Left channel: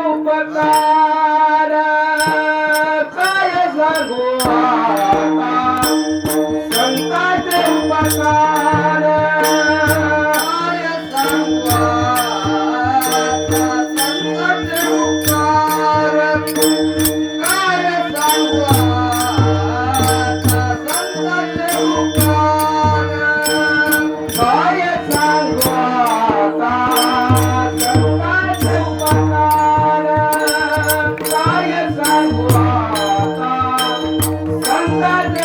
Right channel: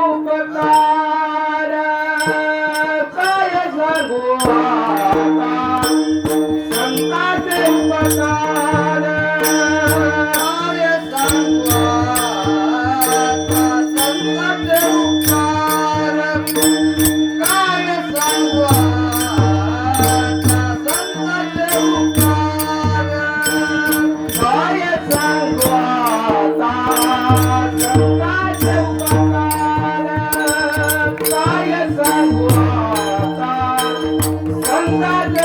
उपकार काय सांगू आता संतांचे उपकार काय सांगू आता संतांचे उपकार काय सांगू आता संतांचे उपकार काय सांगू आता संतांचे उपकार काय सांगू आता संतांचे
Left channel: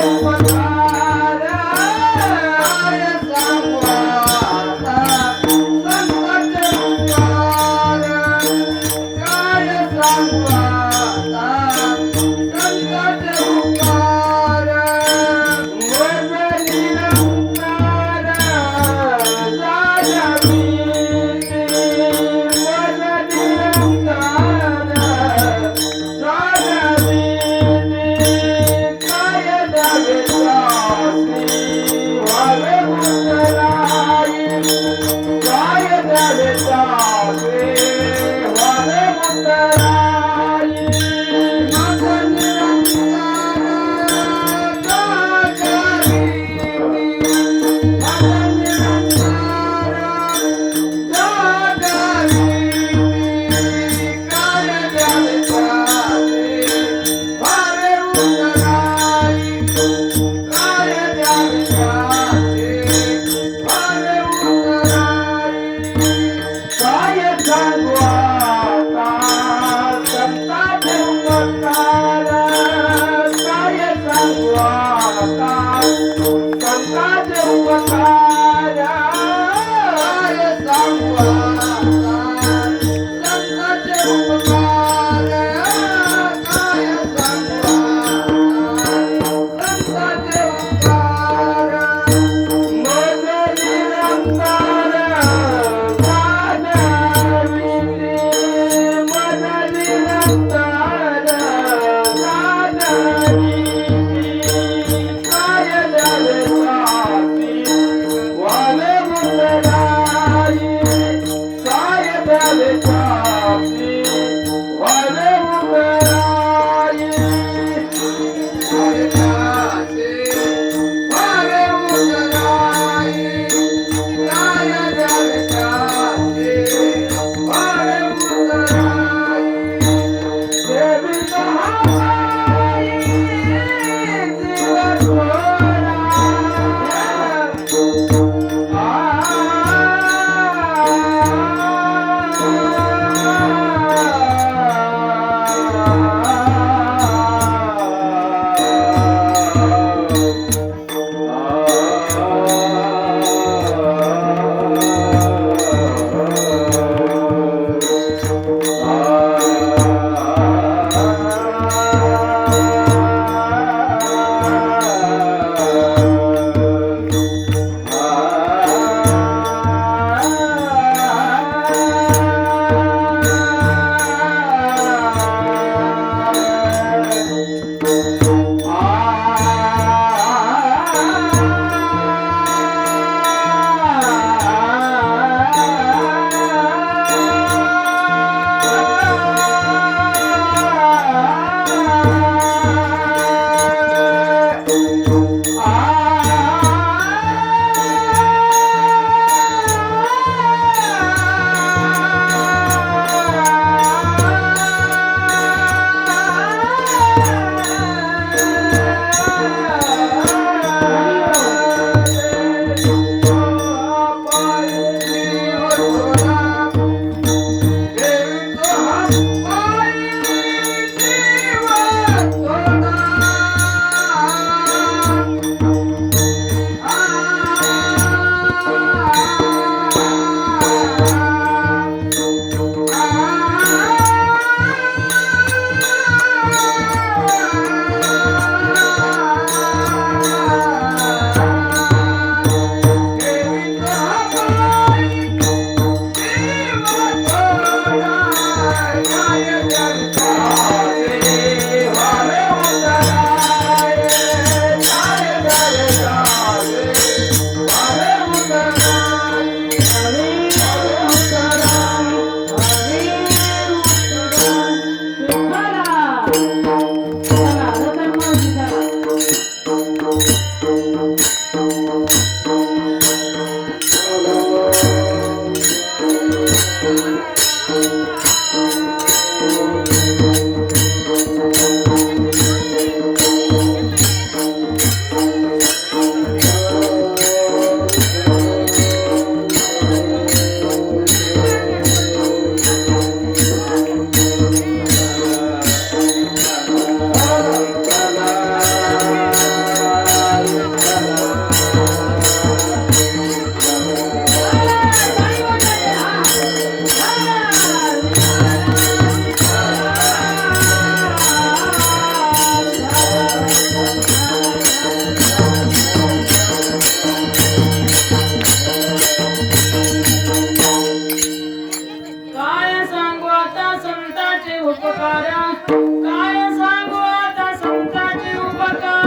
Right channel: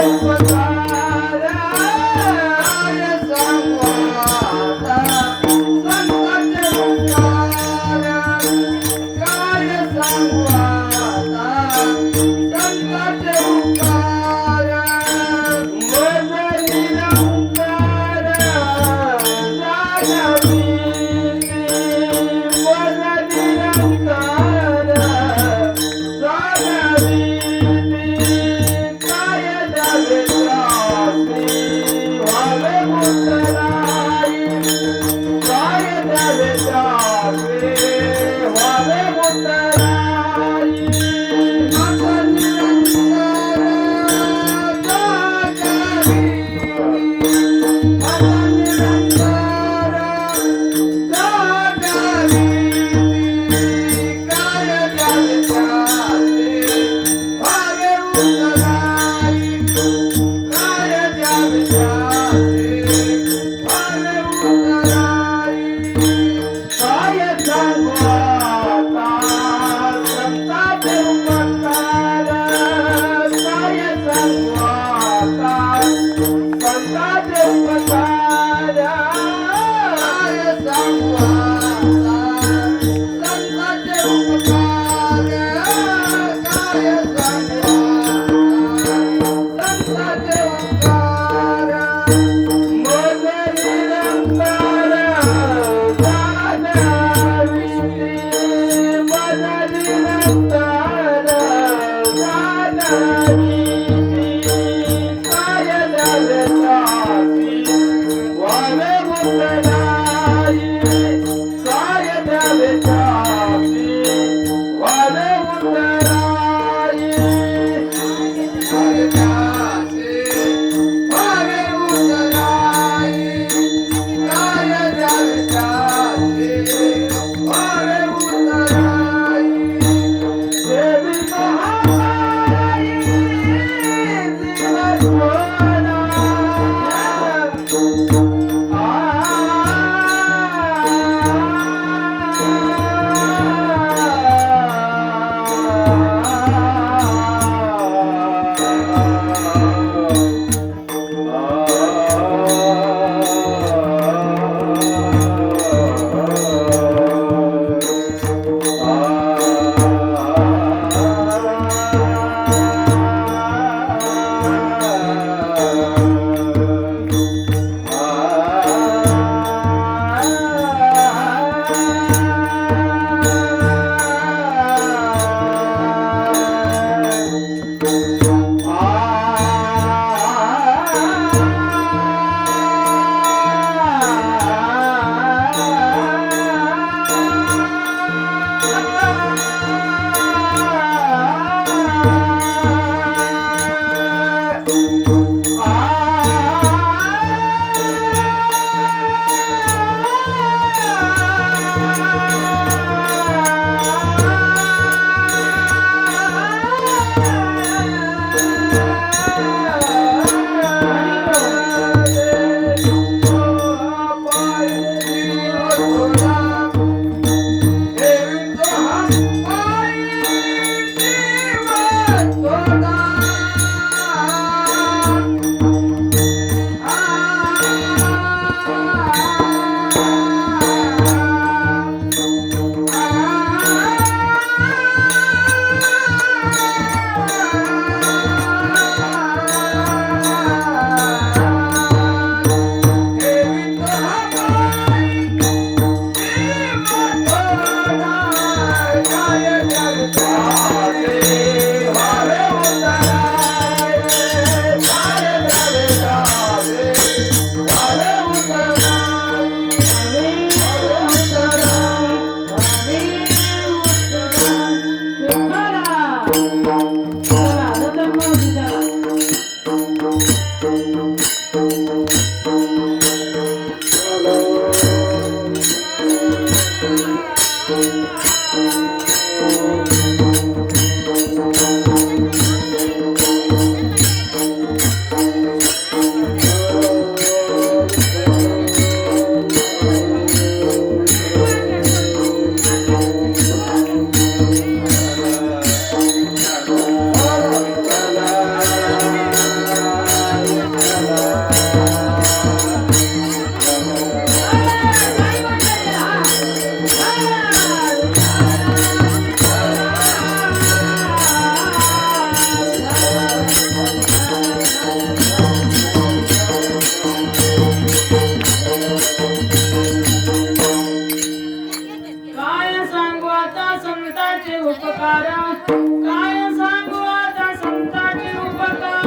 उपकार काय सांगू आता संतांचे उपकार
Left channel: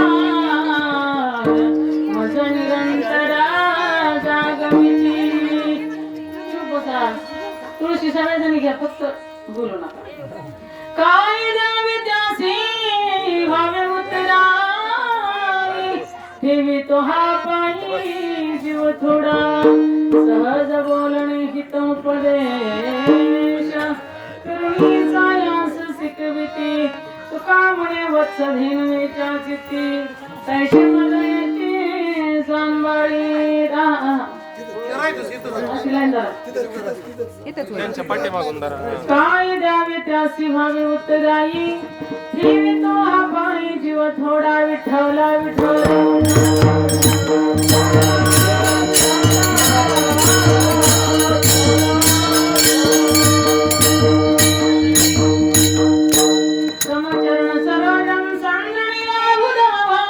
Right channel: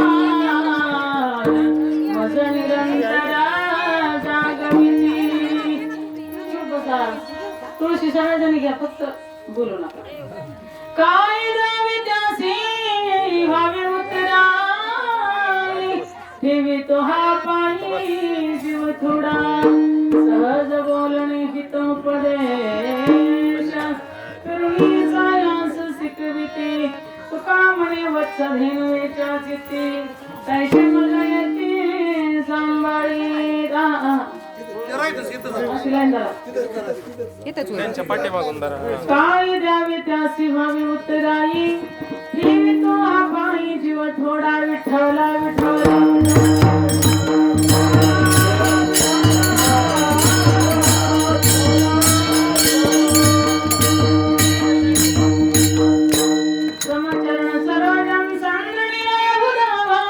मज निरंतरा जागविती चुप बसा तुळशी सगळ्याजणी घ्या फक्त बोलू नका काय द्यावे त्यासी भावे उतराई ठेवी तो हा पाणी जीव थोडा सहज बोलणे हित उपदेश करुणी सायास शिकविती तुका म्हणे वत्स भिनवेच्या चित्ती तैसे मला येते सांभाळी त्यांच्या पाठीमागून धरा. काय द्यावे त्यासी भावे उत्तराई ठेवी तो हा पाणी जीव थोडा विठ्ठल विठ्ठल समचरण सरोजम संगणिया बुधावा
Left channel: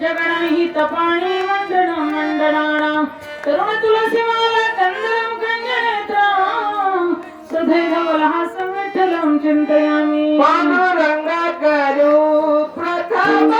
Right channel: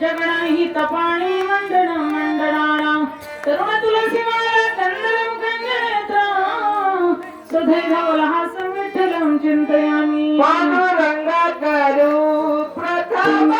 जगणाही तपाणी मंडण मंडणाणा तरुण तुलसी माला कंदरम कंजनेत्रा सदैव वलहासं विठ्ठलं चिन्तयामि पांडुरंगाकरो प्रथम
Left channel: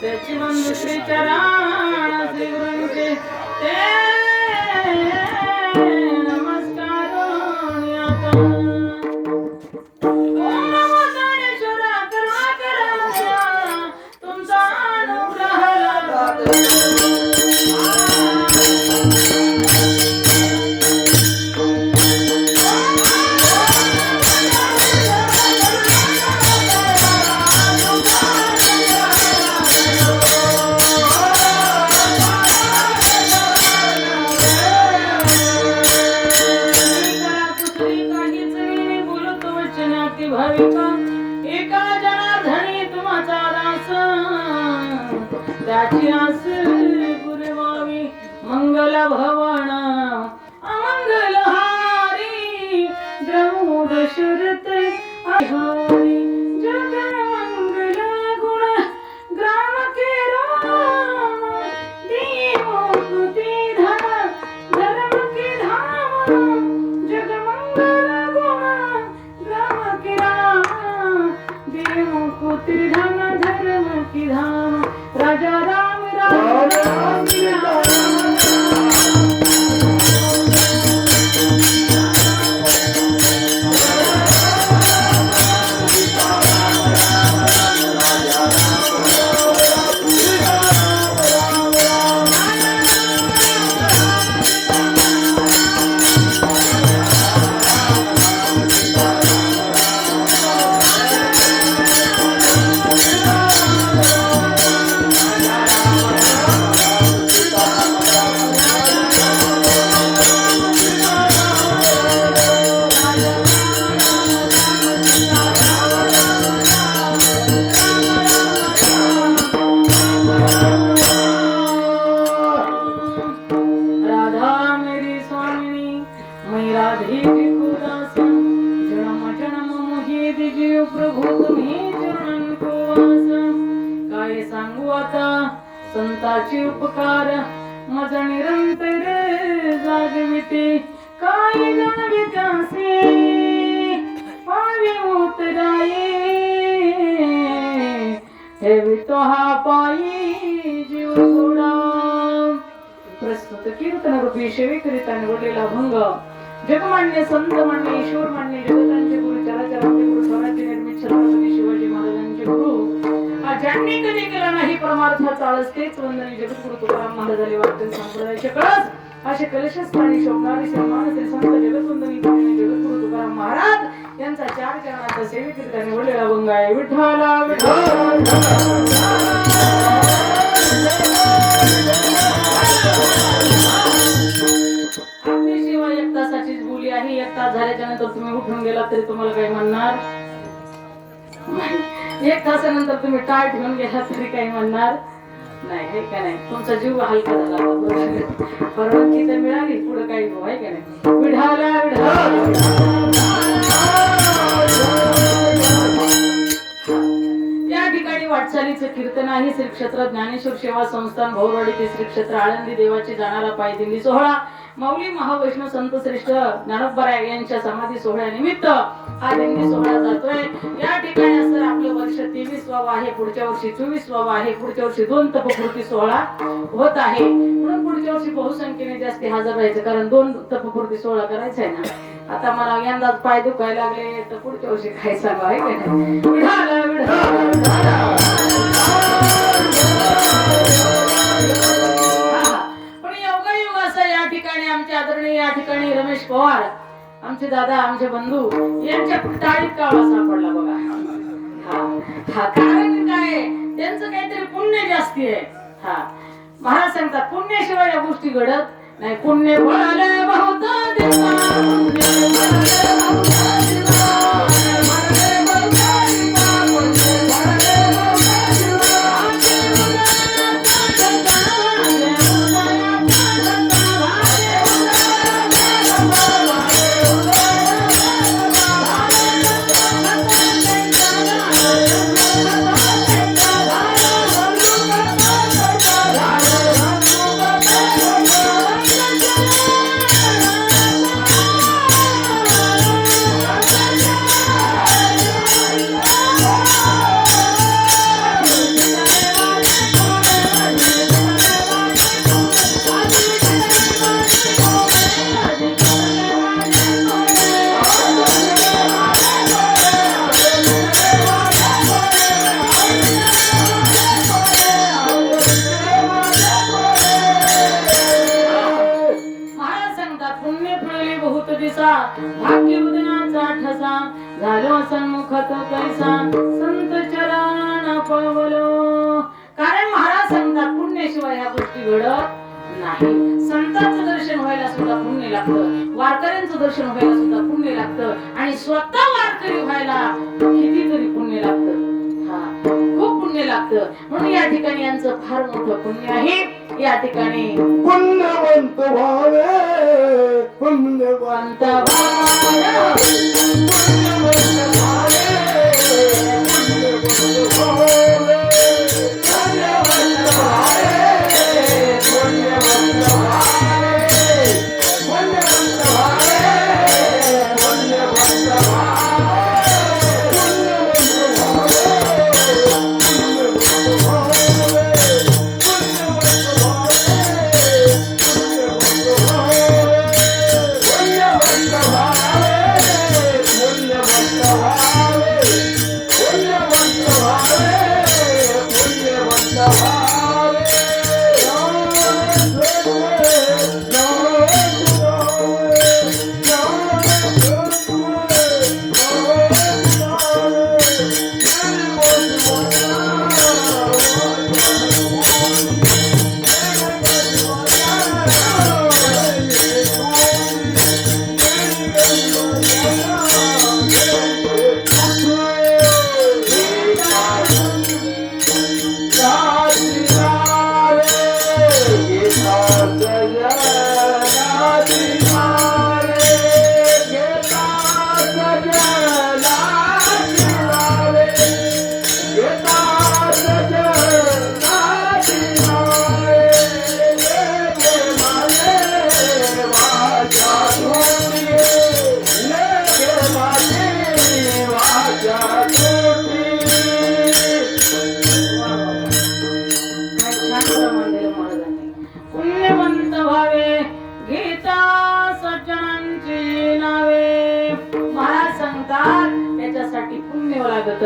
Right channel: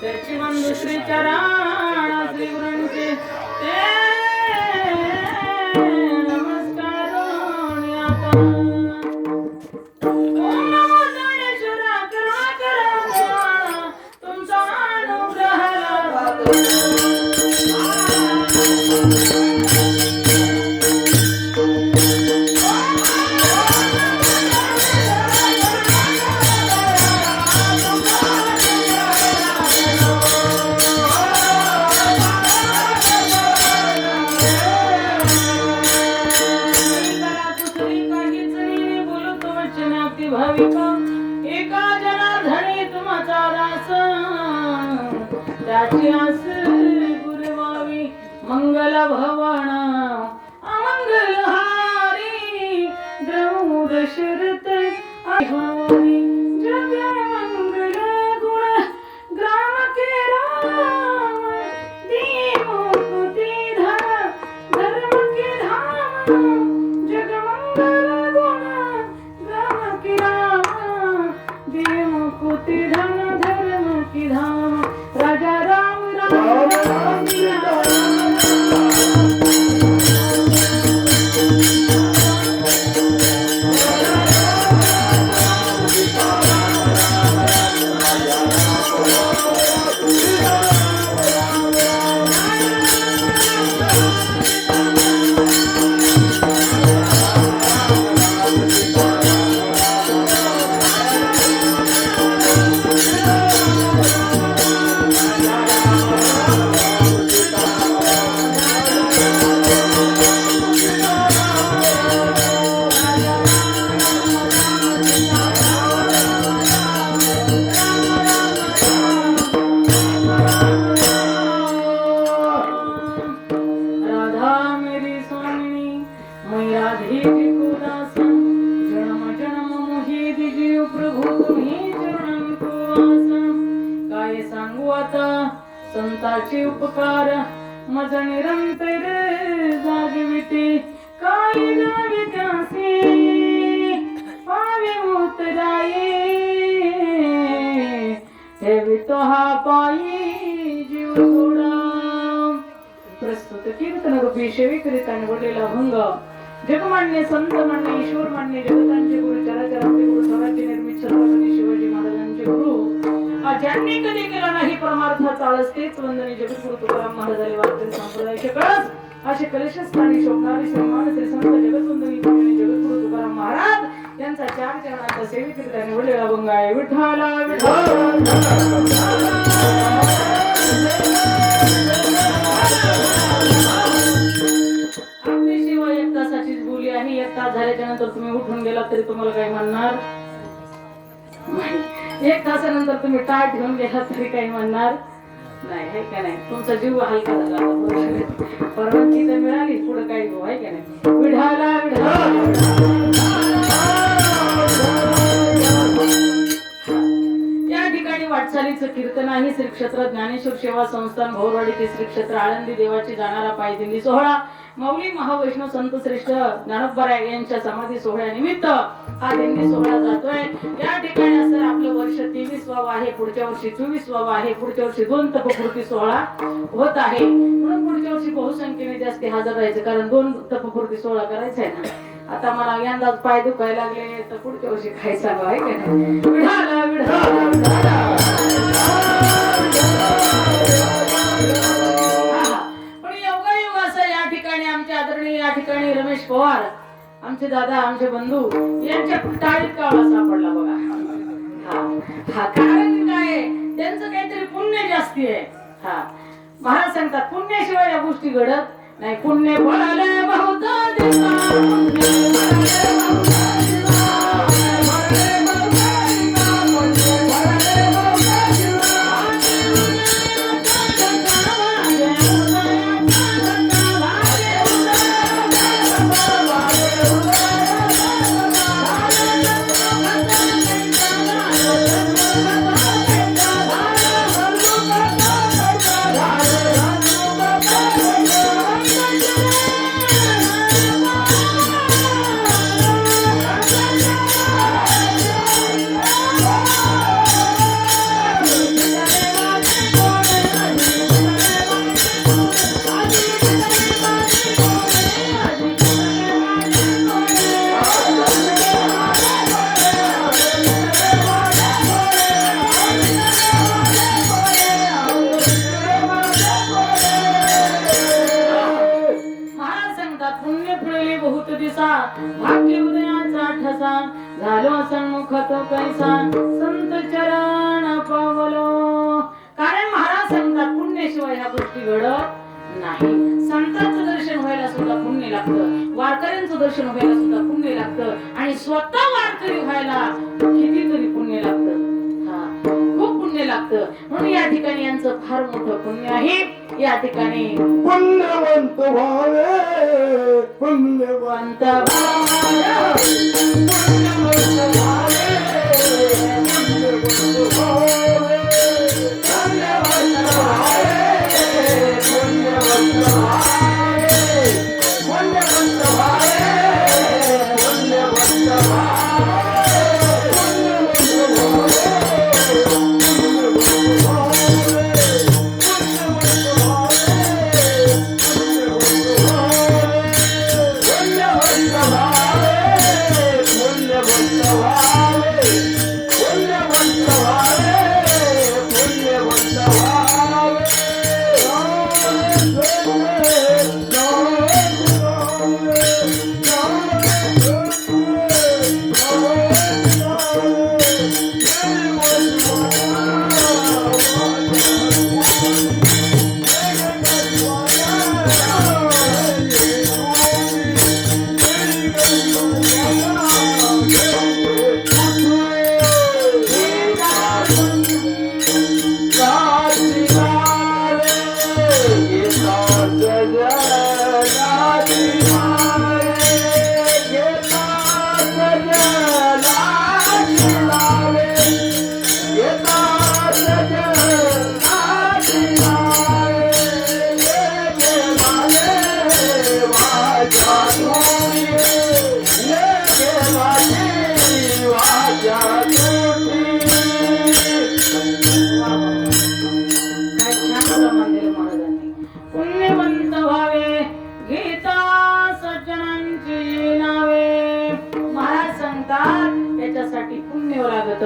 त्याची बंधू श्री चरण श्री गुरूंचे नमस्कार ओम नमो ज्ञानेश्वरा करुणा करा तुमचा अनुग्रह लाभो. काहीच हरी जग मंगल गुण ग्राम के राम देव मुक्ति धन धर्म के धाम जग मंगल गुण ग्राम के राम देव मुक्ति धन धर्म के धाम राजा राम राम राम राम राधा मेरी स्वामिनी मैं राधे जी को दासन जन्म जन्म मोहे दिजीव प्रभु तुम्ही चरण को आसन काय सांगू आता संताचे उपकार मज निरंतर जागविते काय जावे त्यासे पावी उतराये ठेवितो हा पायी जीव सोडा प्रस्तुत कीर्तन रूपी सेविकरिता निवडलेला भंग जगमान्य संत मान्य ईश्वर मान्य जगतांचे गुरु चराचरांचे गुरु स्वराज्य निर्मित छत्रपती शिवाजी महाराजांचे गुरु ज्यांनी कधी केला नाही परमार्थ चाळस तेच वंदनीय जगद्गुरु तुकाराम महाराजांनी वाक्य संप्रदायाचे कळस असे कलशस्थानी शोभणारी सन्मान श्री संत जगतवंदनीय जगद्गुरु तुकाराम महाराज यांचा चार चरणाचा सेविकरिता निवडलेला भंग आहे विठ्ठला आपली सेवा 1 तासाचीच बोली आहे 1 तास झाल्याच्या नंतर तुम्ही उठून गेला तरी तुम्हाला काही म्हणणार नाही 1 तासानंतर तुम्ही टाळ घेऊन गेला तरी काही म्हणणार नाही हे का नाही तुमचा जीव हलका झाला परवानगी तर मिळाली पुढे काही हो आहे का नाही विढाला या ठिकाणी वाटचालीचं कीर्तन आहे श्री क्षेत्र ज्ञानेश्वर सेवा संस्थान भोरवाडी ते श्री क्षेत्र आळंदी देवाची जाणारा पायदिंडी सोहळा माऊली महावैष्णव संत श्रेष्ठ ज्ञानोबा यांच्या समाधी सोहळ्यानिमित्त हा दिंडी सोहळा जातोय या ठिकाणी असं आपलं वर्ष 23 वाव आहे पुढच्या वर्षी 24 वाव आहे पुढच्या वर्षी 2 तपपूर्ती सोहळा होत आहे म्हणून पुढच्या वर्षी बहुसंख्येने जास्त हजर राहायचं कारण 2 तपपूर्ती सोहळा करायचा आहे ना आता मला यंदाच पाय दुखायला लागले तर पुढच्या वर्षी काय चालू आहे पण योगायोग असं या ठिकाणी आमचे आदरणीय या ठिकाणी रमेश पवार आमचे दादा आमचे बंधू यांच्या टाळीत काळा सापडला बघा हा कारण काय त्यांचं काहीतरी पुण्य जास्ती आहे हा महाराज सांगतात पुण्याशिवाय या गोष्टी घडत नाही पुण्य बळाले बहुत भाग्य उदयाचा ठसा झालो सन्मुख तो कैसा संत चरण पावलो कारण महाराज सांगतात पुण्याशिवाय ह्या गोष्टी घडत नाही संतांचं दर्शन व्हायला सुद्धा पुण्य लागतं वारकऱ्यांचं दर्शन व्हायला सुद्धा पुण्य लागतं आणि स्वतः वारकरी व्हायला कितीतरी पुण्य लागतं खूप पुण्य लागतं म्हणून या ठिकाणी यांचं फार मोठं पुण्य आहे या ठिकाणी पुण्यवंत भावे पुण्यवंत पुण्यवंत भावे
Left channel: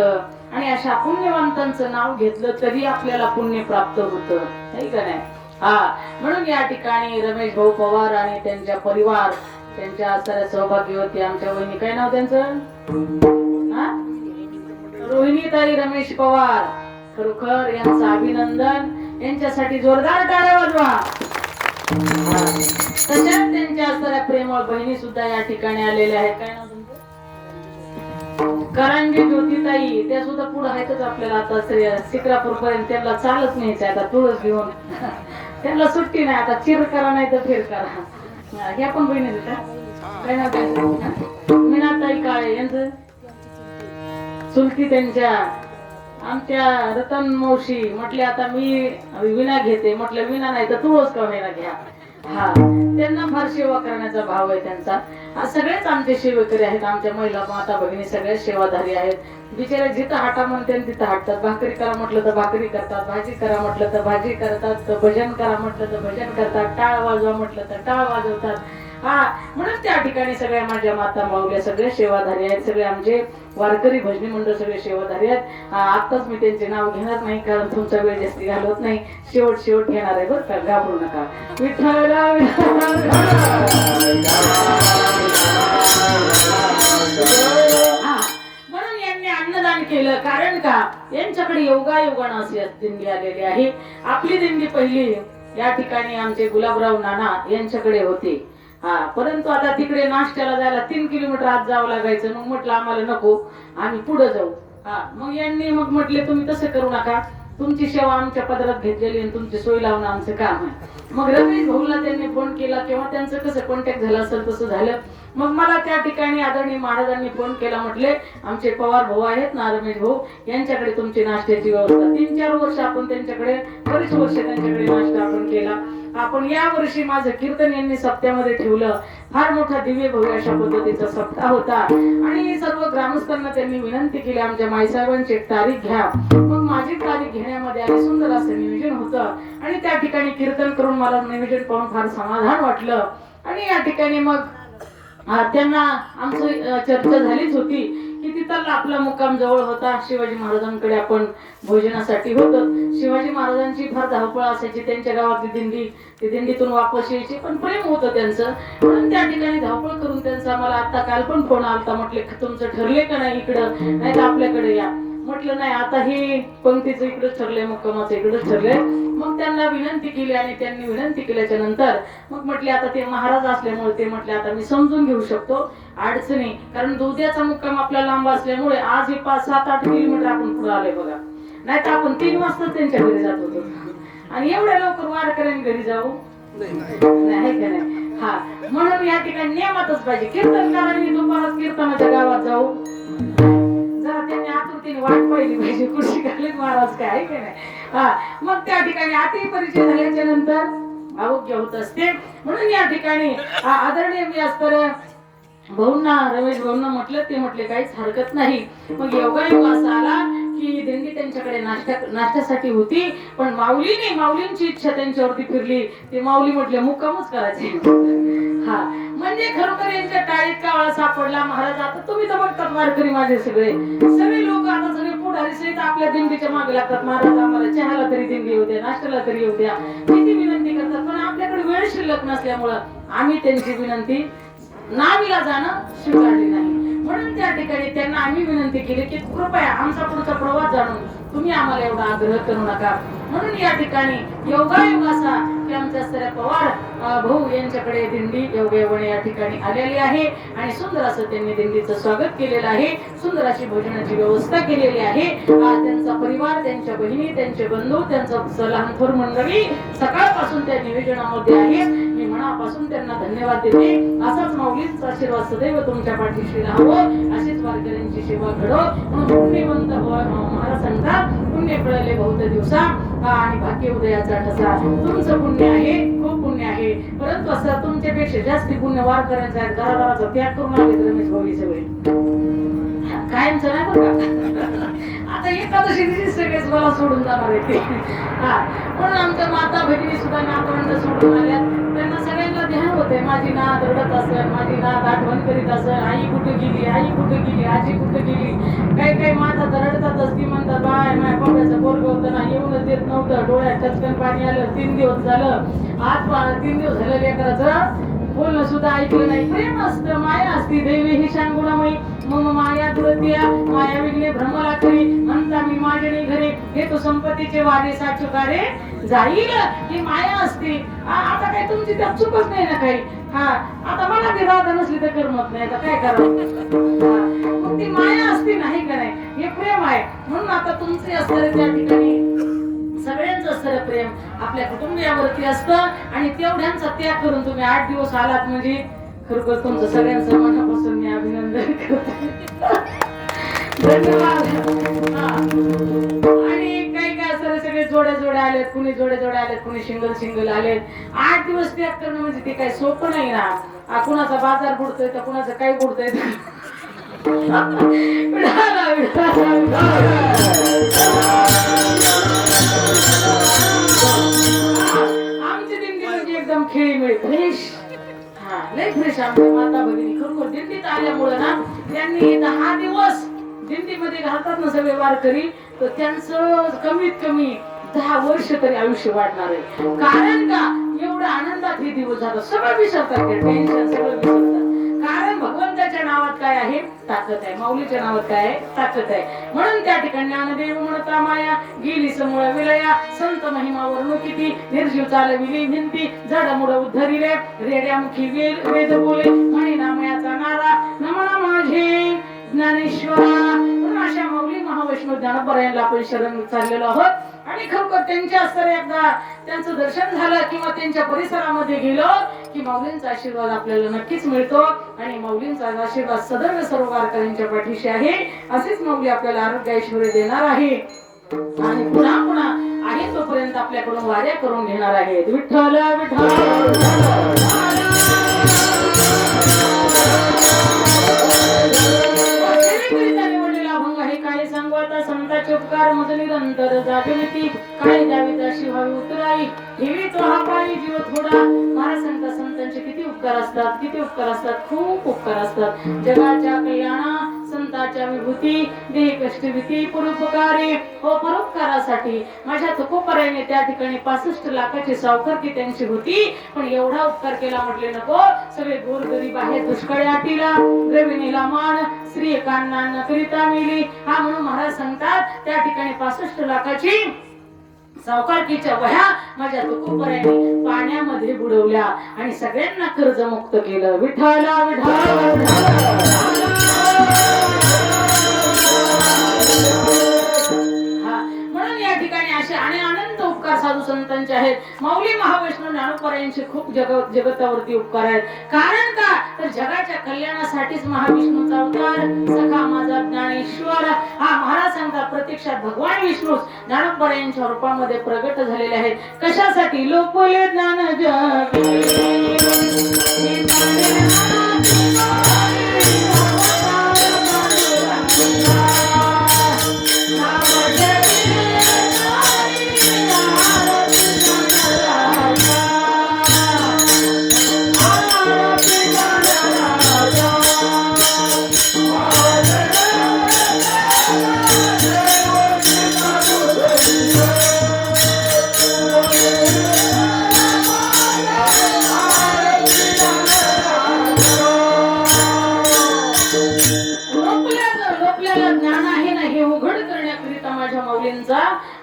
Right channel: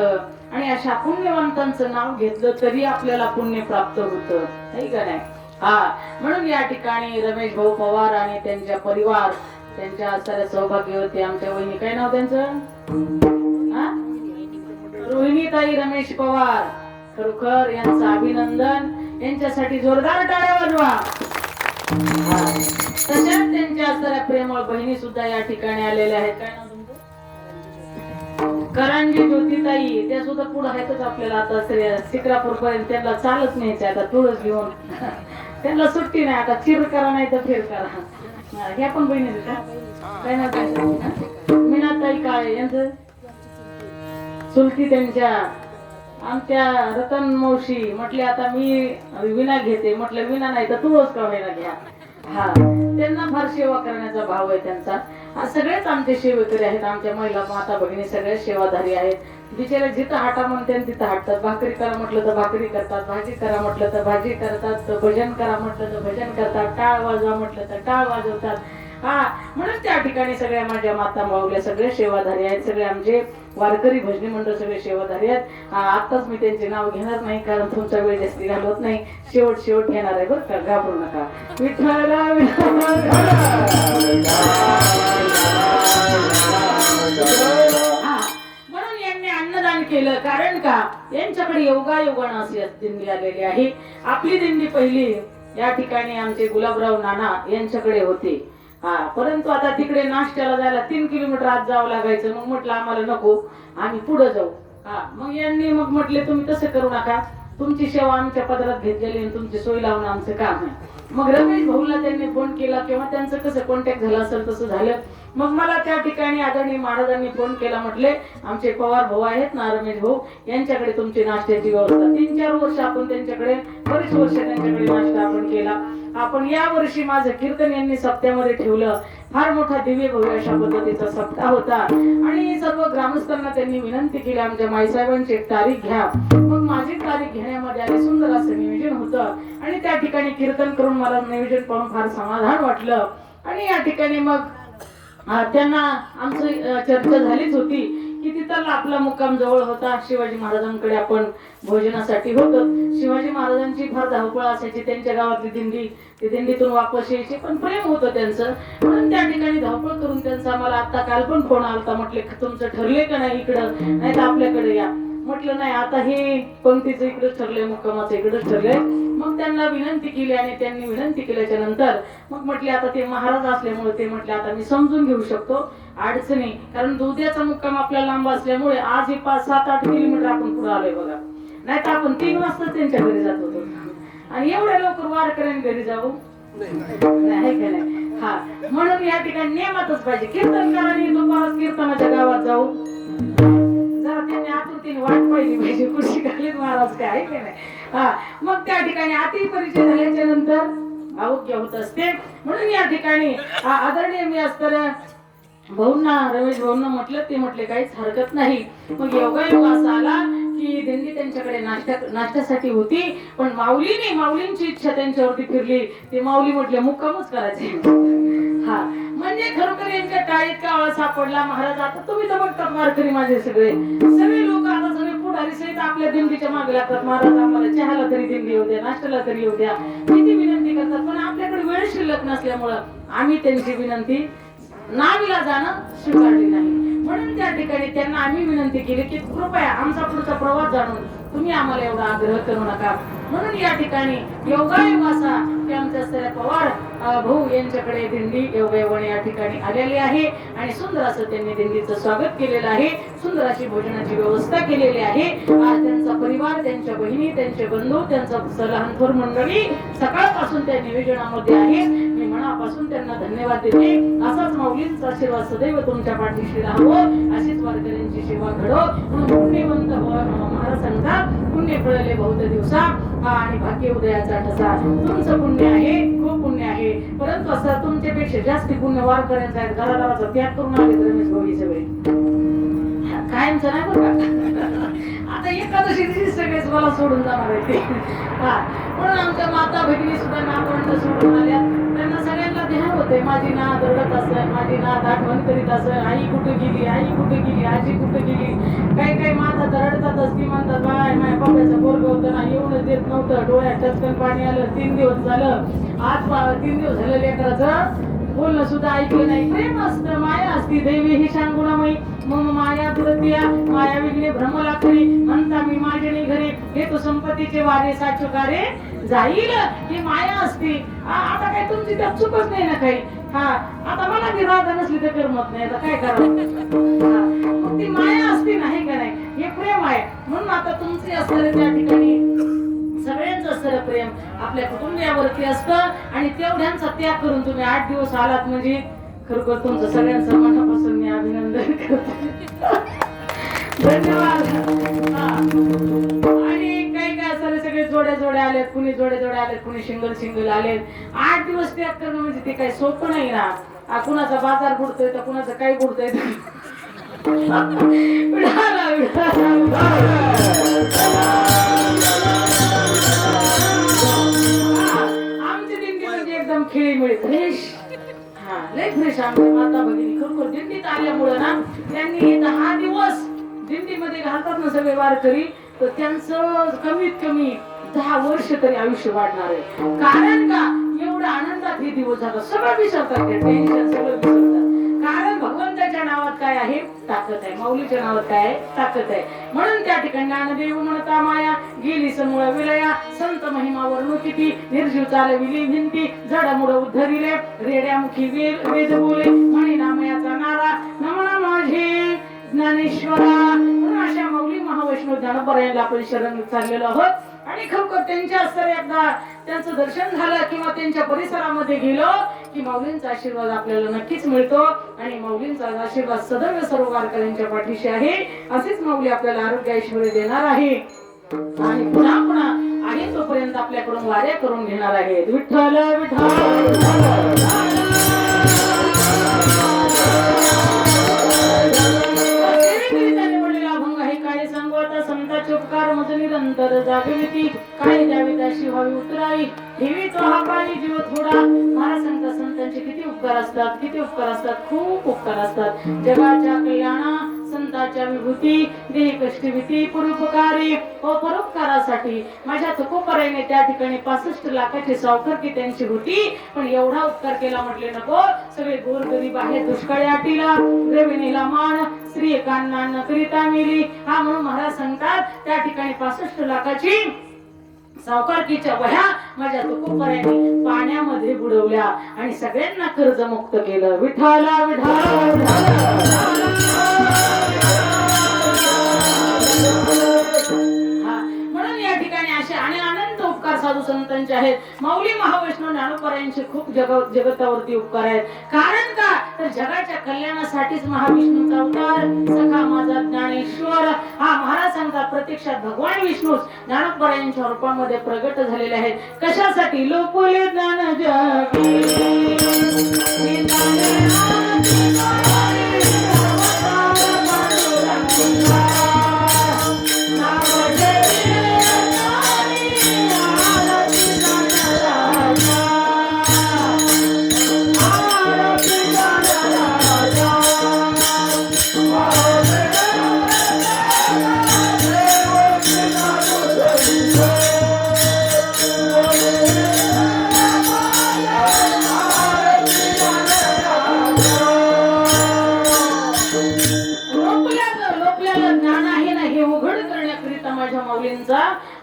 होतं आणि अशा पुण्यवंतांचं नाव घेतलं तरी आपल्याला पुण्य प्राप्त होतं, नाही का नाही? हा, म्हणून या ठिकाणी रमेश भाऊ पवार आणि त्यांच्या परिवार, त्यांच्या साऱ्या सौभाग्यवती आमच्या वहिनी, काय नाव त्यांचं? रोहिणीताई रमेश पवार, खरोखर यांचं अभिनंदन, यांच्यासाठी जोरदार टाळ्या वाजवा. तशाच त्यांच्या साऱ्या प्रेमळ बहिणी सुद्धा या ठिकाणी आलेल्या आहेत. काय नाव तुमचं? करंजी ज्योतिताई, त्या सुद्धा पुढे आहेतच आपल्याला. आता शिक्रापूर पर्यंत त्यांना चालत न्यायचं आता तुळस घेऊन. त्यांना सुट्टी नाही आता, चिर करा नाही तर फेर करा. ह्या पण बहिणी काय नाव? काय मीनाताई काळे, यांचं चुलती त्यांच्या आमच्या रतन मावशी. म्हटले आता मी विना घेते, म्हटलं विना नाही तर तुळस का विना घ्या. हा, त्यांना फार सेवा करण्याचा भाव आहे त्यांचा. सगळेच आमचे सेवेकरी आहेत, आमच्या महिला माता भगिनी सगळे सेवाधारी आहेत. बिचारे जिथं हाटा म्हणून तिथं हाटतात. भाकरी करा म्हटलं तर भाकरी करतात, भाजी करा म्हटलं तर भाजी करतात, भजन करा म्हटलं तर भजन करतात, टाळ वाजवा म्हटलं तर टाळ वाजवतात. हा, म्हणून त्या ठिकाणी सगळ्या माझ्या माता माऊल्या सगळे सेवाधारी आहेत. सगळे आमचे वारकरी भजनी मंडळ सगळे सेवाधारी आहेत. आताच मी त्यांचे नाव घेणार नाही, कारण तुमचा वेळ जास्ती घालवत नाही. शेवट घेणार आहे बरं का, घाबरू नका. विठ्ठल म्हणून यांनी अन्नदान केलं. कारण का, यांच्याकडे योगायोगानं अशी दिंडी आलेली आहे. आपली दिंडी पहिली या ठिकाणी आमचे गुलाबराव नाना यांच्याकडे होते. हा, परंतु आता तिकडे नाश्त्याला जायला 3 किलोमीटर आत जावं लागायचं. मग म्हटलं आम्हाला नको, आम्ही पुढे जाऊ. हा, मग यांनी मग म्हटले तुम्ही तसं करू नका, तुमची सेवा आमच्या पदरात घेतलेली आणि तुमची सोय लावणं आमचं काम आहे. मग रमेश भाऊला त्यांनी फोन केला किंवा त्यांचं कसं कॉन्टॅक्ट झाला असेल तसं झालं. मग मला त्या ठिकाणी आदरणीय महाराजांनी फोन केला. म्हटले आमचे पवार भाऊ आहेत ना, रमेश भाऊ, यांच्याकडे तुमची नाश्त्याची व्यवस्था. 3-4 वर्ष आपण त्यांच्याकडे, बरीच वर्ष त्यांच्याकडे नाश्ता आपण केला. आपण या वर्षी माझं कीर्तन यांनी सप्त्यामध्ये ठेवलं. फार मोठा दिव्य भव्य अशा पद्धतीचा सप्ताह होता आणि सर्व ग्रामस्थांना त्यांनी विनंती केली आमच्या माईसाहेबांची एक तारीख घ्या. मग माझी तारीख घेण्यामध्ये आली. सुंदर असं नियोजन होतं आणि त्या ठिकाणी कीर्तन करून मला नियोजन पाहून फार समाधान वाटलं. आणि या ठिकाणी मग त्यांना आमची चर्चा झालीच होती की तिथं आपला मुक्काम जवळ होता. शिवाजी महाराजांकडे आपण भोजनासाठी होतं. शिवाजी महाराजांची फार धावपळ असायची, त्यांच्या गावातली दिंडी, ती दिंडीतून वापस यायची, पण प्रेम होतं त्यांचं. म्हणून त्या ठिकाणी धावपळ करून त्यांचा मला आता काल पण फोन आलता. म्हटले तुमचं ठरले का नाही इकडं, नाही तर आपल्याकडे या. म्हटलं नाही, आता हे पंक्तीचं इकडंच ठरलंय, मुक्कामाचं इकडंच ठरलंय. मग त्यांना विनंती केली आणि त्यांनी विनंती केल्याच्या नंतर मग म्हटले आता ते महाराज असल्यामुळे ते म्हटले आता मी समजून घेऊ शकतो अडचणी, कारण उद्याचा मुक्काम आपला लांब असल्यामुळे आज हे 5-7-8 किलोमीटर आपण पुढे आलोय बघा. नाही तर आपण 3 वाजता त्यांच्या घरी जात होतो आणि एवढ्या लवकर वारकऱ्यांनी घरी जाऊ नाही का नाही. हा, म्हणून या ठिकाणी नियमातच पाहिजे. कीर्तनकारांनी दुपारात कीर्तनाच्या गावात जाऊ, जरा त्यांनी आतुरतेने वाट पाहिली पाहिजे कृषी घालीत महाराज काय आहे का नाही. हा, मग त्या ठिकाणी अति परिचय झाल्याच्या नंतर आरोग्य होत असते. म्हणून या ठिकाणी आदरणीय मी असताना भाऊंना, रमेश भाऊंना म्हटलं, ते म्हटले काहीच हरकत नाही. मग योगायोग असा आला की दिंडी त्यांच्याकडे नाश्त्यासाठी होती, पण माऊलींची इच्छा त्यांच्यावरती फिरली. ते माऊली म्हटले मुक्कामच करायचे. हा, म्हणजे खरोखर यांच्या टाळीत काळा सापडला. महाराज आता तुम्ही तर बघतात वारकरी माझे सगळे लोक आता सगळे पुढारी सहित आपल्या दिंडीच्या मागे लागतात. महाराज आम्हाला चहाला तरी दिंडी येऊ द्या, नाश्त्याला तरी येऊ द्या, किती विनंती करतात. पण आपल्याकडे वेळ शिल्लक नसल्यामुळं आम्ही त्यांची विनंती नावीला जाणं स्वीकारली नाही. म्हणून त्या ठिकाणी त्यांना आम्ही विनंती केली की कृपया आमचा पुढचा प्रवास जाणून तुम्ही आम्हाला एवढा आग्रह करू नका. म्हणून या ठिकाणी योगायोग असा की आमच्या सगळ्या पवार भाऊ यांच्याकडे दिंडी योगायोगाने या ठिकाणी आलेली आहे आणि सुंदर असं त्यांनी दिंडीचं स्वागत केलेलं आहे. सुंदर अशी भोजनाची व्यवस्था केलेली आहे. त्यांचा परिवार, त्यांच्या बहिणी, त्यांचे बंधू, त्यांचा लहान थोर मंडळी सकाळपासून त्या नियोजनामध्ये आहे. मी मनापासून त्यांना धन्यवाद देते. असाच माऊलींचा आशीर्वाद सदैव तुमच्या पाठीशी राहावं, अशीच वारकऱ्यांची सेवा घडो. पुण्यवंत महाराज सांगतात पुण्य कळले बहुत दिवसा आणि भाग्य उदयाचा ठसा. तुमचं पुण्य आहे, खूप पुण्य आहे, परंतु असं तुमच्यापेक्षा जास्त पुण्य वारकऱ्यांचा आहे. घराघराचा त्याग करून आले रमेश भाऊ सगळे कायमच नाही बघा. आता एकादशी दिवशी सगळेच मला सोडून जाणार आहे ते. म्हणून आमच्या माता भगिनी सुद्धा नातवंड सोडून आल्या. त्यांना सगळ्यांना ध्यान होतं वाटतंय माझी नात रडत असेल, माझी नात आठवण करीत असेल, आई कुठे गेली, आई कुठे गेली, आजी कुठे गेली. काही माता तर रडतातच. ती म्हणतात बाय माझ्या बाबाचं पोरगं होतं ना, येऊनच देत नव्हतं, डोळ्यात टचकन पाणी आलं, 3 दिवस झालं, आज 3 दिवस झालं लेकराचं बोलणं सुद्धा ऐकलं नाही. प्रेम असतं, माया असती. देवी ही सांगुणामयी मम माया दुरतिया माया विघ्ने भ्रमला करी म्हणता मी माझे घरी घेतो संपत्तीचे वारे साचुकारे जाईल. ही माया असते. आता काय तुमची त्यात चुकच नाही ना काही. हा आता मला ती राधा नसली तर करमत नाही, आता काय करावं. मग ती माया असते नाही का नाही, हे प्रेम आहे. म्हणून आता तुमचे असणारे त्या ठिकाणी सगळ्यांचं असणारं प्रेम आपल्या कुटुंबियावरती असतं. आणि तेवढ्यांचा त्याग करून तुम्ही 8 दिवस आलात म्हणजे खरोखर तुमचं सगळ्यांचं मनापासून मी अभिनंदन करते. धन्यवाद. आणि काय असतं सगळे जोड्या आलेत, कुणी जोड्या आलेत, कुणी सिंगल आलेत. 8 दिवस त्याग करणं म्हणजे ते काय सोपं नाही ना. कुणाचा बाजार बुडतोय तर कुणाचं काय बुडतंय. आमची दिंडी म्हणजे एकदम खेळीमेळी फ्रेश. हा लय फ्रेश आमच्या माता भगिनी. खरोखर दिंडीत आल्यामुळे ना त्यांनी 10 दिवस दिंडीमध्ये घालतात ना सगळे वारकरी, तर त्यांचं कमीत कमी 10 वर्ष तरी आयुष्य वाढणार आहे. कारण का एवढं आनंदात हे दिवस झालं, सगळं विसरतात, टेन्शन सगळं विसरतात. कारण भगवंताच्या नावात काय आहे, ताकद आहे. माऊलीच्या नावात काय आहे, ताकद आहे. म्हणून त्या ठिकाणी ज्ञानदेव म्हणता माया गेली समूळ विलया संत महिमा वर्ण किती निर्जीव चालविली भिंती जडमुड उद्धरिले रेड्यामुखी वेद बोले म्हणे नामयाचा नारा नमना माझे ज्ञानेश्वरा. म्हणून अशा माऊली महावैष्णव ज्ञानोबा आपण शरण चाललेलो आहोत. आणि खरोखर त्यांच्या असं एकदा त्यांचं दर्शन झालं किंवा त्यांच्या परिसरामध्ये गेलो की माऊलींचा आशीर्वाद आपल्याला नक्कीच मिळतो. आणि माऊलींचा आशीर्वाद सदैव सर्व वारकऱ्यांच्या पाठीशी आहे. असेच माऊली आपल्याला आरोग्य ऐश्वर्य देणार आहे आणि पुन्हा आहे तोपर्यंत आपल्याकडून वाऱ्या करून घेणार आहेत. विठ्ठल संतांचे उपकार मज निरंतर जागेली काय द्यावी त्याशी व्हावी उतराई ठेवी तो हा पाणी जीव थोडा. महाराज संतांचे किती उपकार असतात, खूप उपकार असतात. जगाच्या कल्याणा संतांच्या विभूती देह कष्टभीती परोपकारी व परोपकारासाठी माझ्या तुकोपर्यंत त्या ठिकाणी 65 लाखाची सावकारकी त्यांची होती. पण एवढा उपकार केला म्हटले नको. सगळे गोरगरीब आहेत, दुष्काळी आटीला द्रविणीला मान स्त्री एकांना न करिता मिली. हा म्हणून महाराज सांगतात त्या ठिकाणी 65 लाखाची सावकारकीच्या वह्या माझ्या तुकोपर्यंत पाण्यामध्ये बुडवल्या आणि सगळ्यांना कर्जमुक्त केलं. विठ्ठला म्हणून या ठिकाणी असे आणि अनंत उपकार साधू संतांचे आहेत. माऊली महावैष्णव ज्ञानोबा खूप जगतावरती उपकार आहेत. कारण का तर जगाच्या कल्याणासाठीच महाविष्णूचा अवतार सखा माझा ज्ञानेश्वर. हा महाराज सांगतात प्रत्यक्षात भगवान विष्णू ज्ञानोबा यांच्या रूपामध्ये प्रगट झालेले आहेत. कशासाठी लोकोले ज्ञान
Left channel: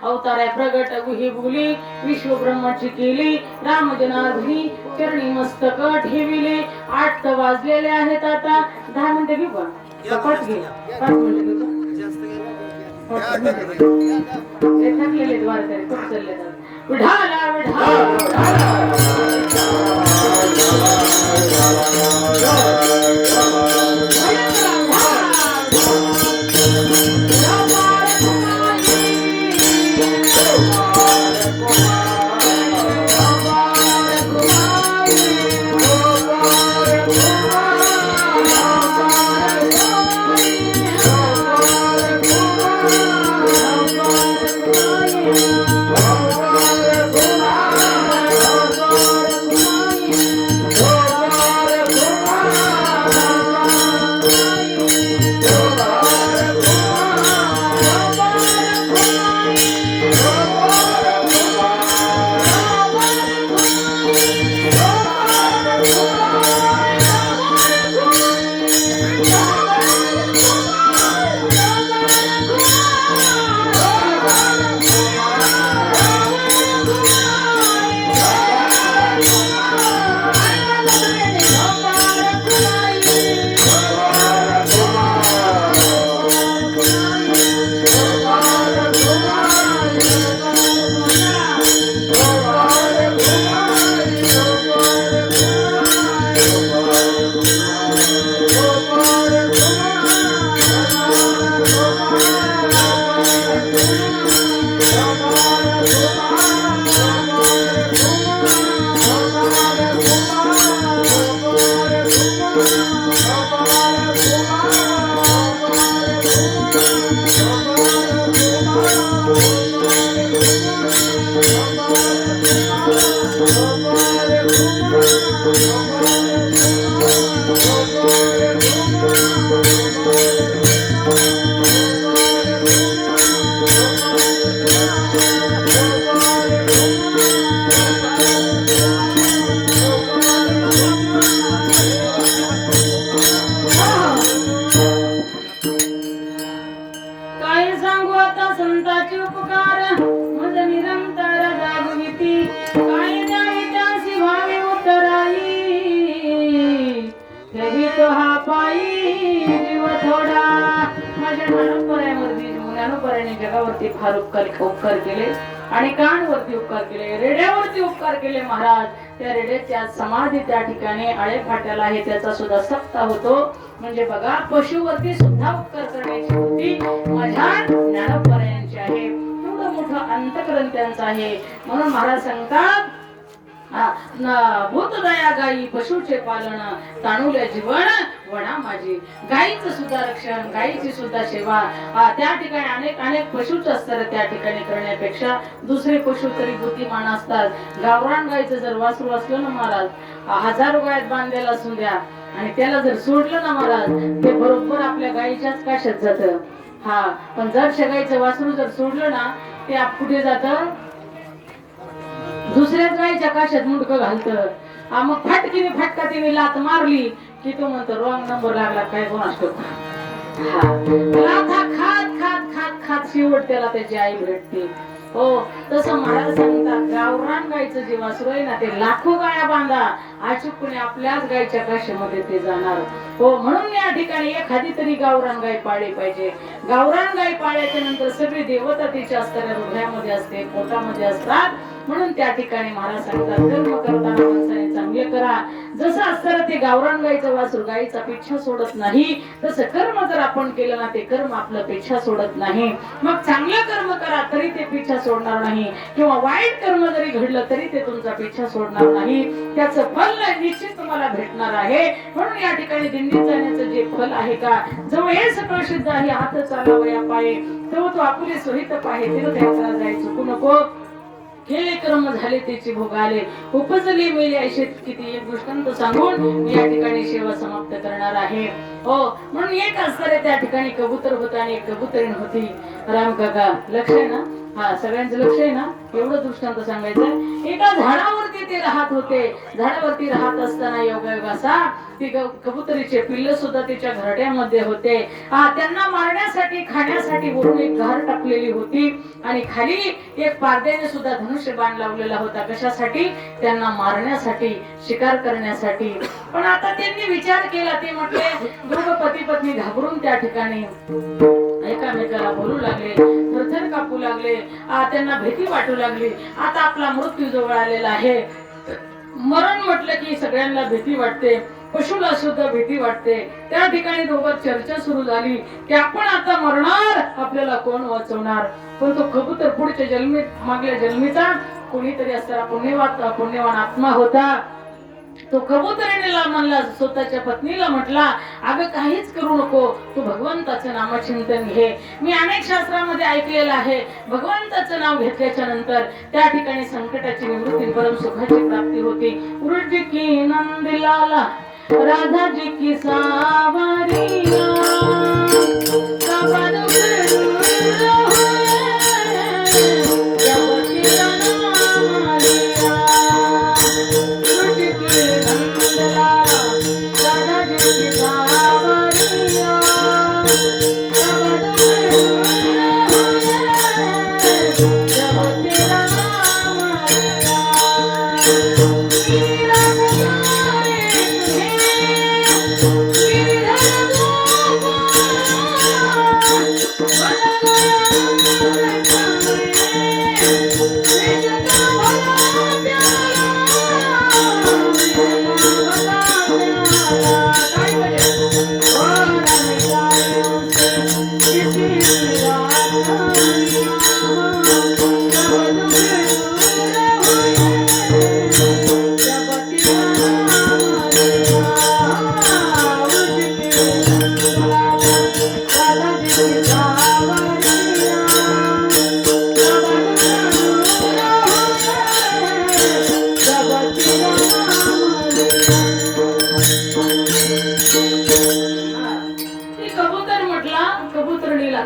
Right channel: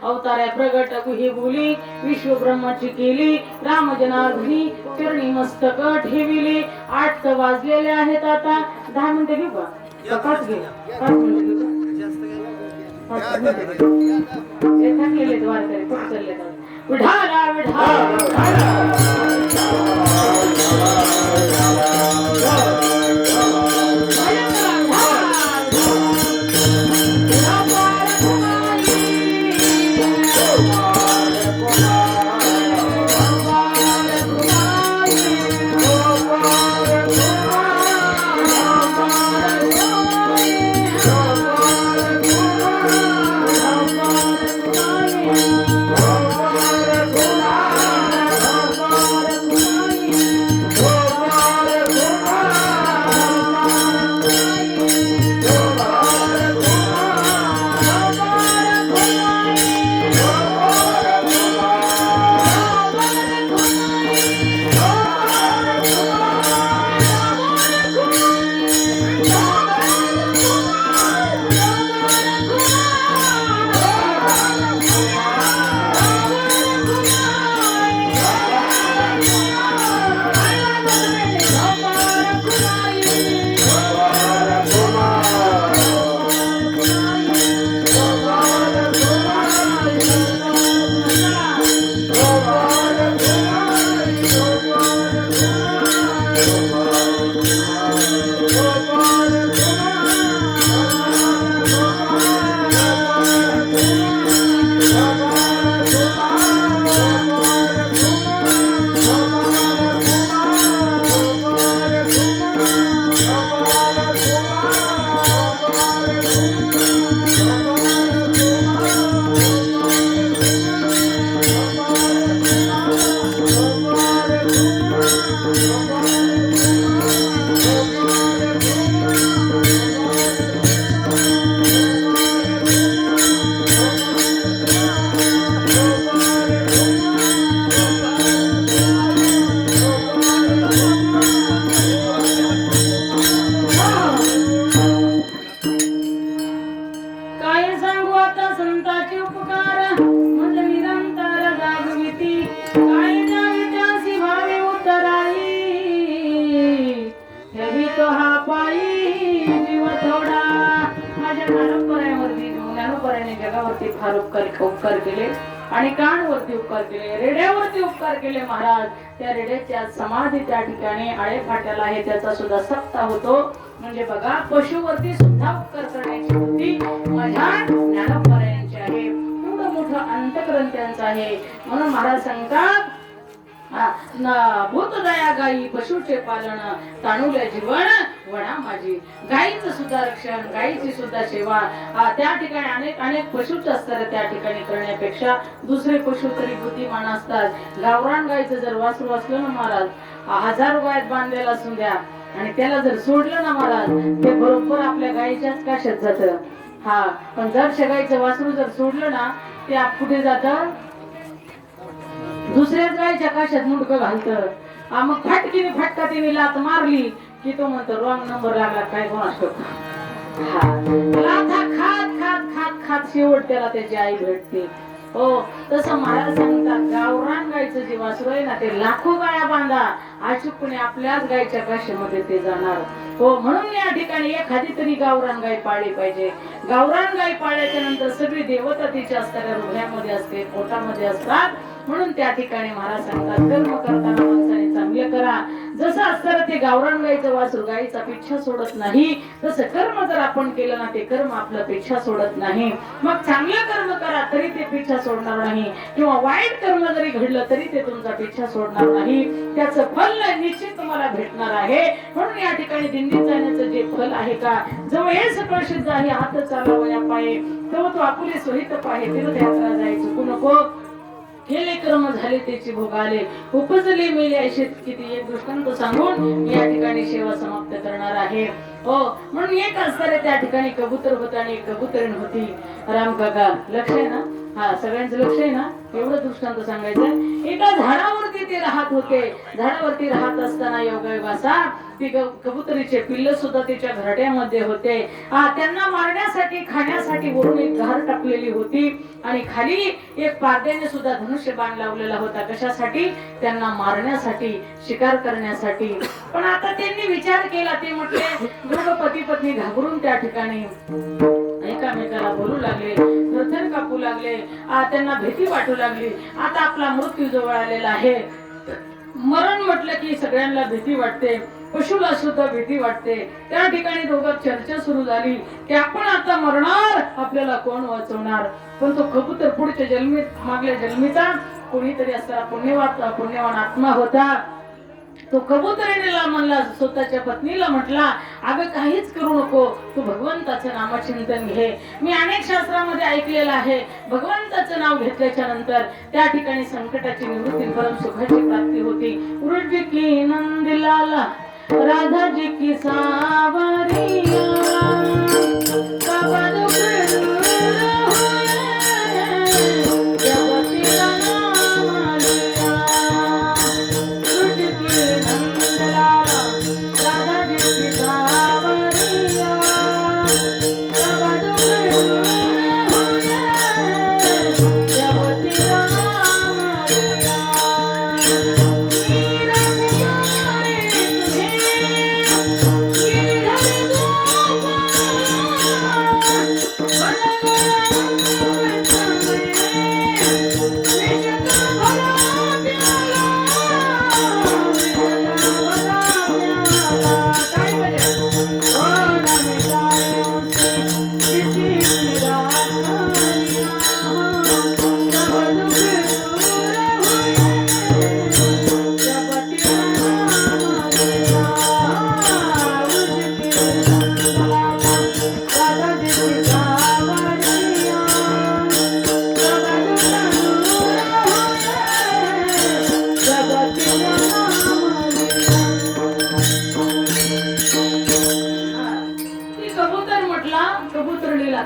अवतार आहे. प्रगट हे बोली विश्व ब्रह्माची केली राम जनार्दनी चरणी मस्तक ठेविले. 8 तर वाजलेले आहेत. आता 10 मिनिटं घेऊ का? 5 घे. 5 मिनिटं थकलेले द्वारकडे खूप चालले जातात. विठाला विठाला Oh जगावरती फार उपकार केले आणि कानवरती उपकार केले, रेड्यावरती उपकार केले महाराज. त्या रेड्याची आज समाधी त्या ठिकाणी आळे फाट्याला आहे, त्याचा सुद्धा सप्ताह होतो. म्हणजे बघा, पशुवरती सुद्धा उपकार करण्याची वृत्ती माझ्या ज्ञानोबरायांची आहे. एवढं मोठं अंतकरण त्यांचं आहे. म्हणून महाराज सांगतात, भूतदया गायी पशुचे पालन, ताणुल्या जीवन वडा माझी. गायीचं सुद्धा रक्षण, गायीची सुद्धा सेवा त्या ठिकाणी अनेक अनेक पशुच असतात. त्या ठिकाणी करण्यापेक्षा दुसरे पशु तरी बुद्धिमान असतात. गावरान गायीचं जर वासरू असलं ना महाराज, 1000 गायत बांधलेला असू द्या आणि त्याला जर सोडलं ना महाराज, ते बरोबर आपल्या गायीच्याच काशात जातं. पण जर गायीचं वासरू जर सोडलं ना, ते कुठे जातं? दुसऱ्याच गायच्या काशात मुडकं घालतं. मग फाटकीने फटका तिने लात मारली की तो म्हणतो रॉंग नंबर लागला काय कोणास लाथा खात खात खात खात शेवट त्याला त्याची आई भेटते. हो, तसं महाराज सांगतात, गावरान गायचं जे वासरू आहे ना, ते लाखो गाया बांधा, अचूकपणे आपल्याच गायच्या काशीमध्ये ते जाणार. हो, म्हणून या ठिकाणी एखादी तरी गावरान गाय पाळली पाहिजे. गावरान गाय पाळल्याच्या नंतर सगळी देवता तिच्या असतात, हृदयामध्ये असते, पोटामध्ये असतात. म्हणून त्या ठिकाणी महाराज सांगतात, कर्म करताना माणसाने चांगले करा. जसं असतं ते गावरान गायचं वासरू गायीचा पिच्छा सोडत नाही, तसं कर्म जर आपण केलं ना, ते कर्म आपलं पिच्छा सोडत नाही. मग चांगलं कर्म करा तरी ते पिच्छा सोडणार नाही, किंवा वाईट कर्म जरी घडलं तरी ते तुमचा पिच्छा सोडणार नाही. त्याचं फल निश्चित तुम्हाला भेटणार आहे. म्हणून या ठिकाणी दिंडीत जाण्याचं जे फल आहे का, जो हे सगळं सिद्ध आहे, हात चालावया पाये तो आपुले सोहित पाहे, तीर्थयात्रा जायचं चुकू नको. केले कर्म झाले त्याची भोग आले, उपजले मेले असे किती एक दृष्टांत सांगून मी या ठिकाणी सेवा समाप्त करणार आहे. हो, म्हणून एक असणारे त्या ठिकाणी कबूतर होता आणि एक कबुतरीण होती. राम काका लक्ष आहे ना? सगळ्यांचं लक्ष आहे ना? एवढं दृष्टांत सांगायचं. एका झाडावरती ते राहत होते. झाडावरती राहत असताना योगायोग असा, ती कबुतरीचे पिल्ल सुद्धा त्याच्या घरट्यामध्ये होते. त्यांना मारण्यासाठी खाण्यासाठी वरून एक घर टाकलेली होती आणि खाली एक पारद्याने सुद्धा धनुष्य बाण लावलेला होता. कशासाठी? त्यांना मारण्यासाठी, शिकार करण्यासाठी. पण आता त्यांनी विचार केला, ते म्हटले, दोघं पती पत्नी घाबरून त्या ठिकाणी एकामेकाला बोलू लागले, थरथर कापू लागले. त्यांना भीती वाटू लागली. आता आपला मृत्यू जवळ आलेला आहे. मरण म्हटलं की सगळ्यांना भीती वाटते, पशुला सुद्धा भीती वाटते. त्या ठिकाणी दोघांत चर्चा सुरू झाली की आपण आता मरणार, आपल्याला कोण वाचवणार? पण तो कबूतर पुढच्या जन्मीत, मागल्या जन्मीचा कोणीतरी असा पुण्यवान आत्मा होता. तो कबुतरीला म्हणला, स्वतःच्या पत्नीला म्हटला, अगं काहीच करू नको, तू भगवंताचं नामचिंतन घे. मी अनेक शास्त्रामध्ये ऐकलेलं आहे, भगवंताचं नाव घेतल्याच्या नंतर त्या ठिकाणी संकटाची निवृत्ती, परम सुखाची प्राप्ती होती. उर्ज की नंदलाला राधा जी की सावरिया,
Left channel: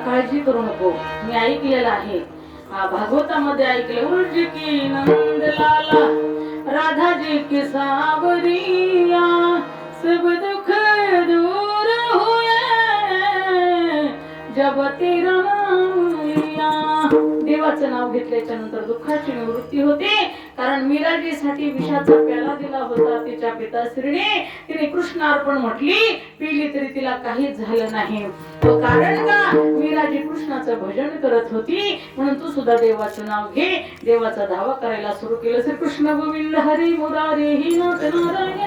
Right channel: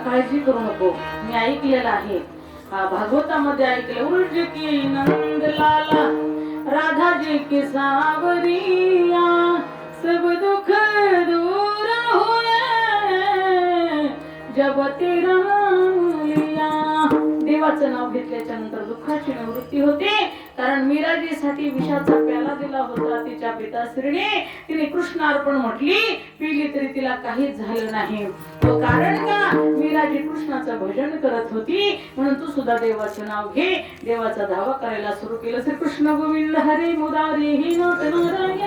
काळजी करू नको, मी ऐकलेलं आहे, भागवतामध्ये ऐकलं. उर्ज की नंदलाला राधा जी की सावरिया, सब दुख दूर हुए जब तेरा नाम लिया. देवाचं मीराचं नाव घेतल्याच्या नंतर दुःखाची निवृत्ती होते. कारण मीराजीसाठी विषाचा प्याला दिला होता तिच्या पिताश्रीने. तिने कृष्णार्पण म्हटली, पिली तरी तिला काहीच झालं नाही. तो कारण का? मीराजी कृष्णाचं भजन करत होती. म्हणून तू सुद्धा देवाचं नाव घे. देवाचा धावा करायला सुरू केलं. श्री कृष्ण गोविंद हरी मुरारी ही नाथ नारायण.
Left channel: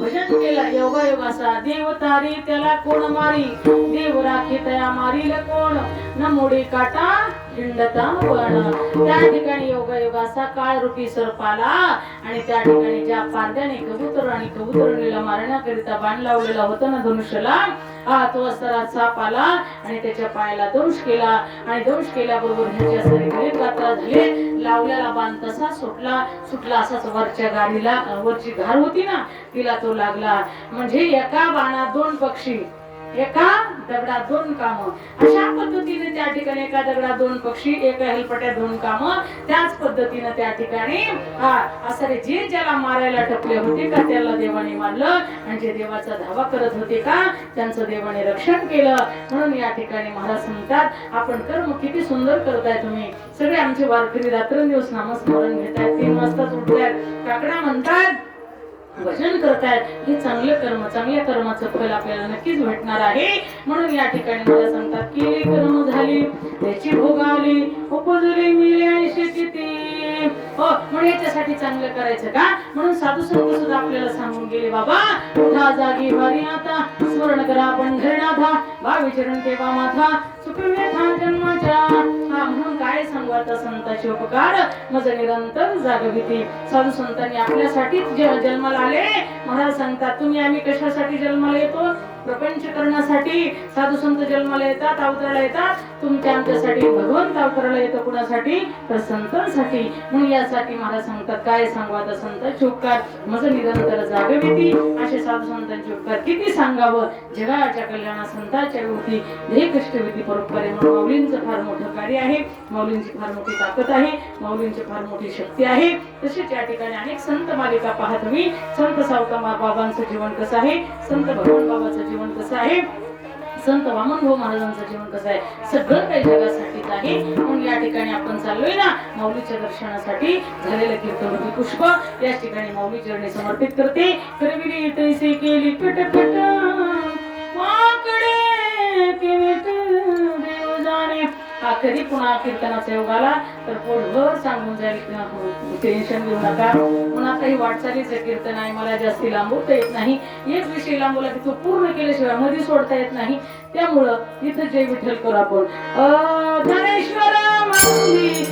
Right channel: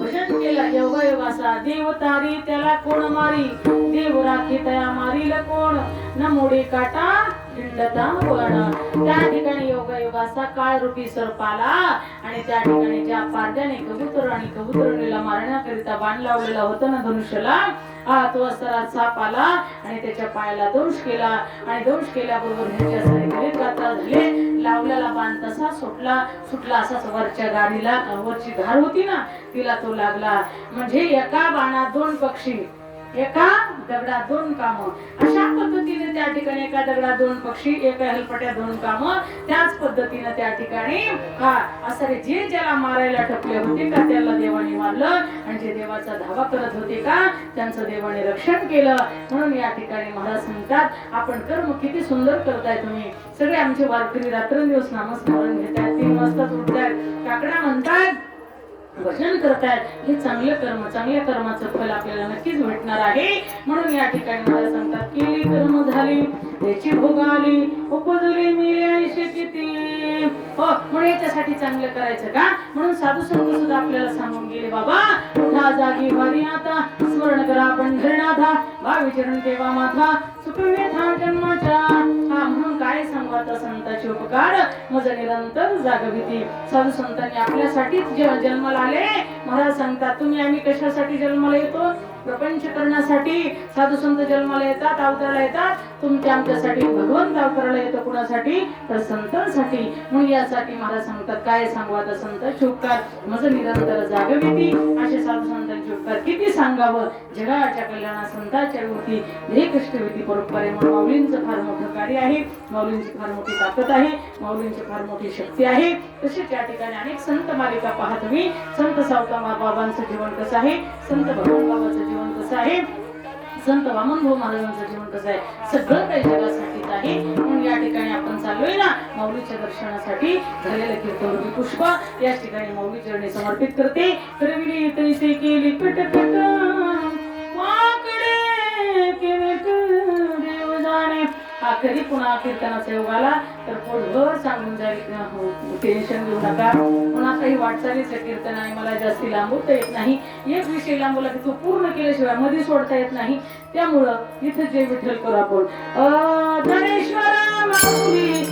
भजन केला योगायोगाचा देव तारी त्याला कोण मारी. देव राखी तया मारील कोण न मोडे काटा हिंडता पण. त्या ठिकाणी योगायोगाचा काळ रूपी सर्पाला आणि त्या ठिकाणी ज्या पारद्याने कबूतर आणि कबुतरणीला मारण्याकरिता बाण लावलेला होता ना धनुष्याला, तो असरा साप आला आणि त्याच्या पायाला दंश केला. आणि दंश केल्याबरोबर ह्याच्या शरीराला कात्रा झाले. लावलेला बाण तसा सुटला असाच वरच्या गाडीला, वरची घार होती ना तिला तो लागला. म्हणजे एका बाणात दोन पक्षी, एका दगडात दोन कामं. अशा पद्धतीने त्या ठिकाणी एका दगडात दोन पक्षी, एका हेलपट्यात दोन कामं. त्याच पद्धतीने त्या ठिकाणी असं जे ज्याला मारायला टपले होते का त्याला देवाने मारलं. आणि जे देवाचा धावा करत होते का त्यांचं देवाने रक्षण केलं. म्हणून या ठिकाणी महाराज म्हणतात, आपण कर्म किती सुंदर करताय तुम्ही. सगळे आमचे वारकरी रात्रंदिवस नामस्मरण घेतायत, 3 वाजताच उठतायत, काकडा म्हणतात, भजन करतायत. हे चांगलं कर्म, चांगल्या कर्माचं फल आपल्याला नक्कीच भेटणार आहे. म्हणून या ठिकाणी मला सांगतात, केली कर्म झाली त्याची भोगाली उपजली मिळायचे किती. हो, म्हणून याच्यासाठी चांगलं करायचं का. म्हणून साधू संत सुद्धा आपल्याला सांगून गेले, बाबा उठा जागी भारी माता स्मरण करा पंढरीनाथा भावी चरण ठेवा माथा सुखवे था जन्माच्या. म्हणून काय सांगू आता संतांचे उपकार मज निरंतर जागविती. साधू संतांनी आपल्यासाठी जन्माला आले. महाराज सांगतात, तुम्ही आम्ही कशासाठी जन्माला येतो? प्रपंच करण्यासाठी. साधू संत जन्माला येतात, अवताराला येतात. तुमच्या आमच्यासाठी भगवंत अवताराला येतो. कुणासाठी? तर संतांसाठी. म्हणून यासाठी महाराज सांगतात, काय सांगू आता संतांचे उपकार मज निरंतर जागविती. असे साधू संतांचे उपकार किती सांगावं. जगाच्या कल्याणा संतांच्या होती ध्येय कष्टविधी परोपकारी. म्हणून माऊलींचं फार मोठं कार्य आहे, माऊलींची फार मोठी ताकद आहे, माऊलींची फार मोठी शक्ती आहे. तसेच या ठिकाणी अनेक संत मालिका पहा तुम्ही. संत सावता बाबांचं जीवन कसं आहे, संत भगवान बाबांचं जीवन कसं आहे, संत वामनभाऊ महाराजांचं जीवन कसं आहे, सगळं काही जगासाठीच आहे. म्हणून या ठिकाणी आपण चाललोय ना माऊलीच्या दर्शनासाठी. झालेलं कीर्तन पुष्प या ठिकाणी माऊली चरणी समर्पित करते. करविली तैसे केली कटकट वाकडे केविट देव जाणे. आखरी पुन्हा कीर्तनाच्या योगाला तर पोटभर सांगून जाईल, टेन्शन घेऊ नका. पुन्हा काही वाटचालीचं कीर्तन आहे, मला जास्ती लांबवता येत नाही. एक विषय लांबवला की तो पूर्ण केल्याशिवाय मध्ये सोडता येत नाही. त्यामुळं इथं जय विठ्ठल करू आपण. धनेश्वरा माऊली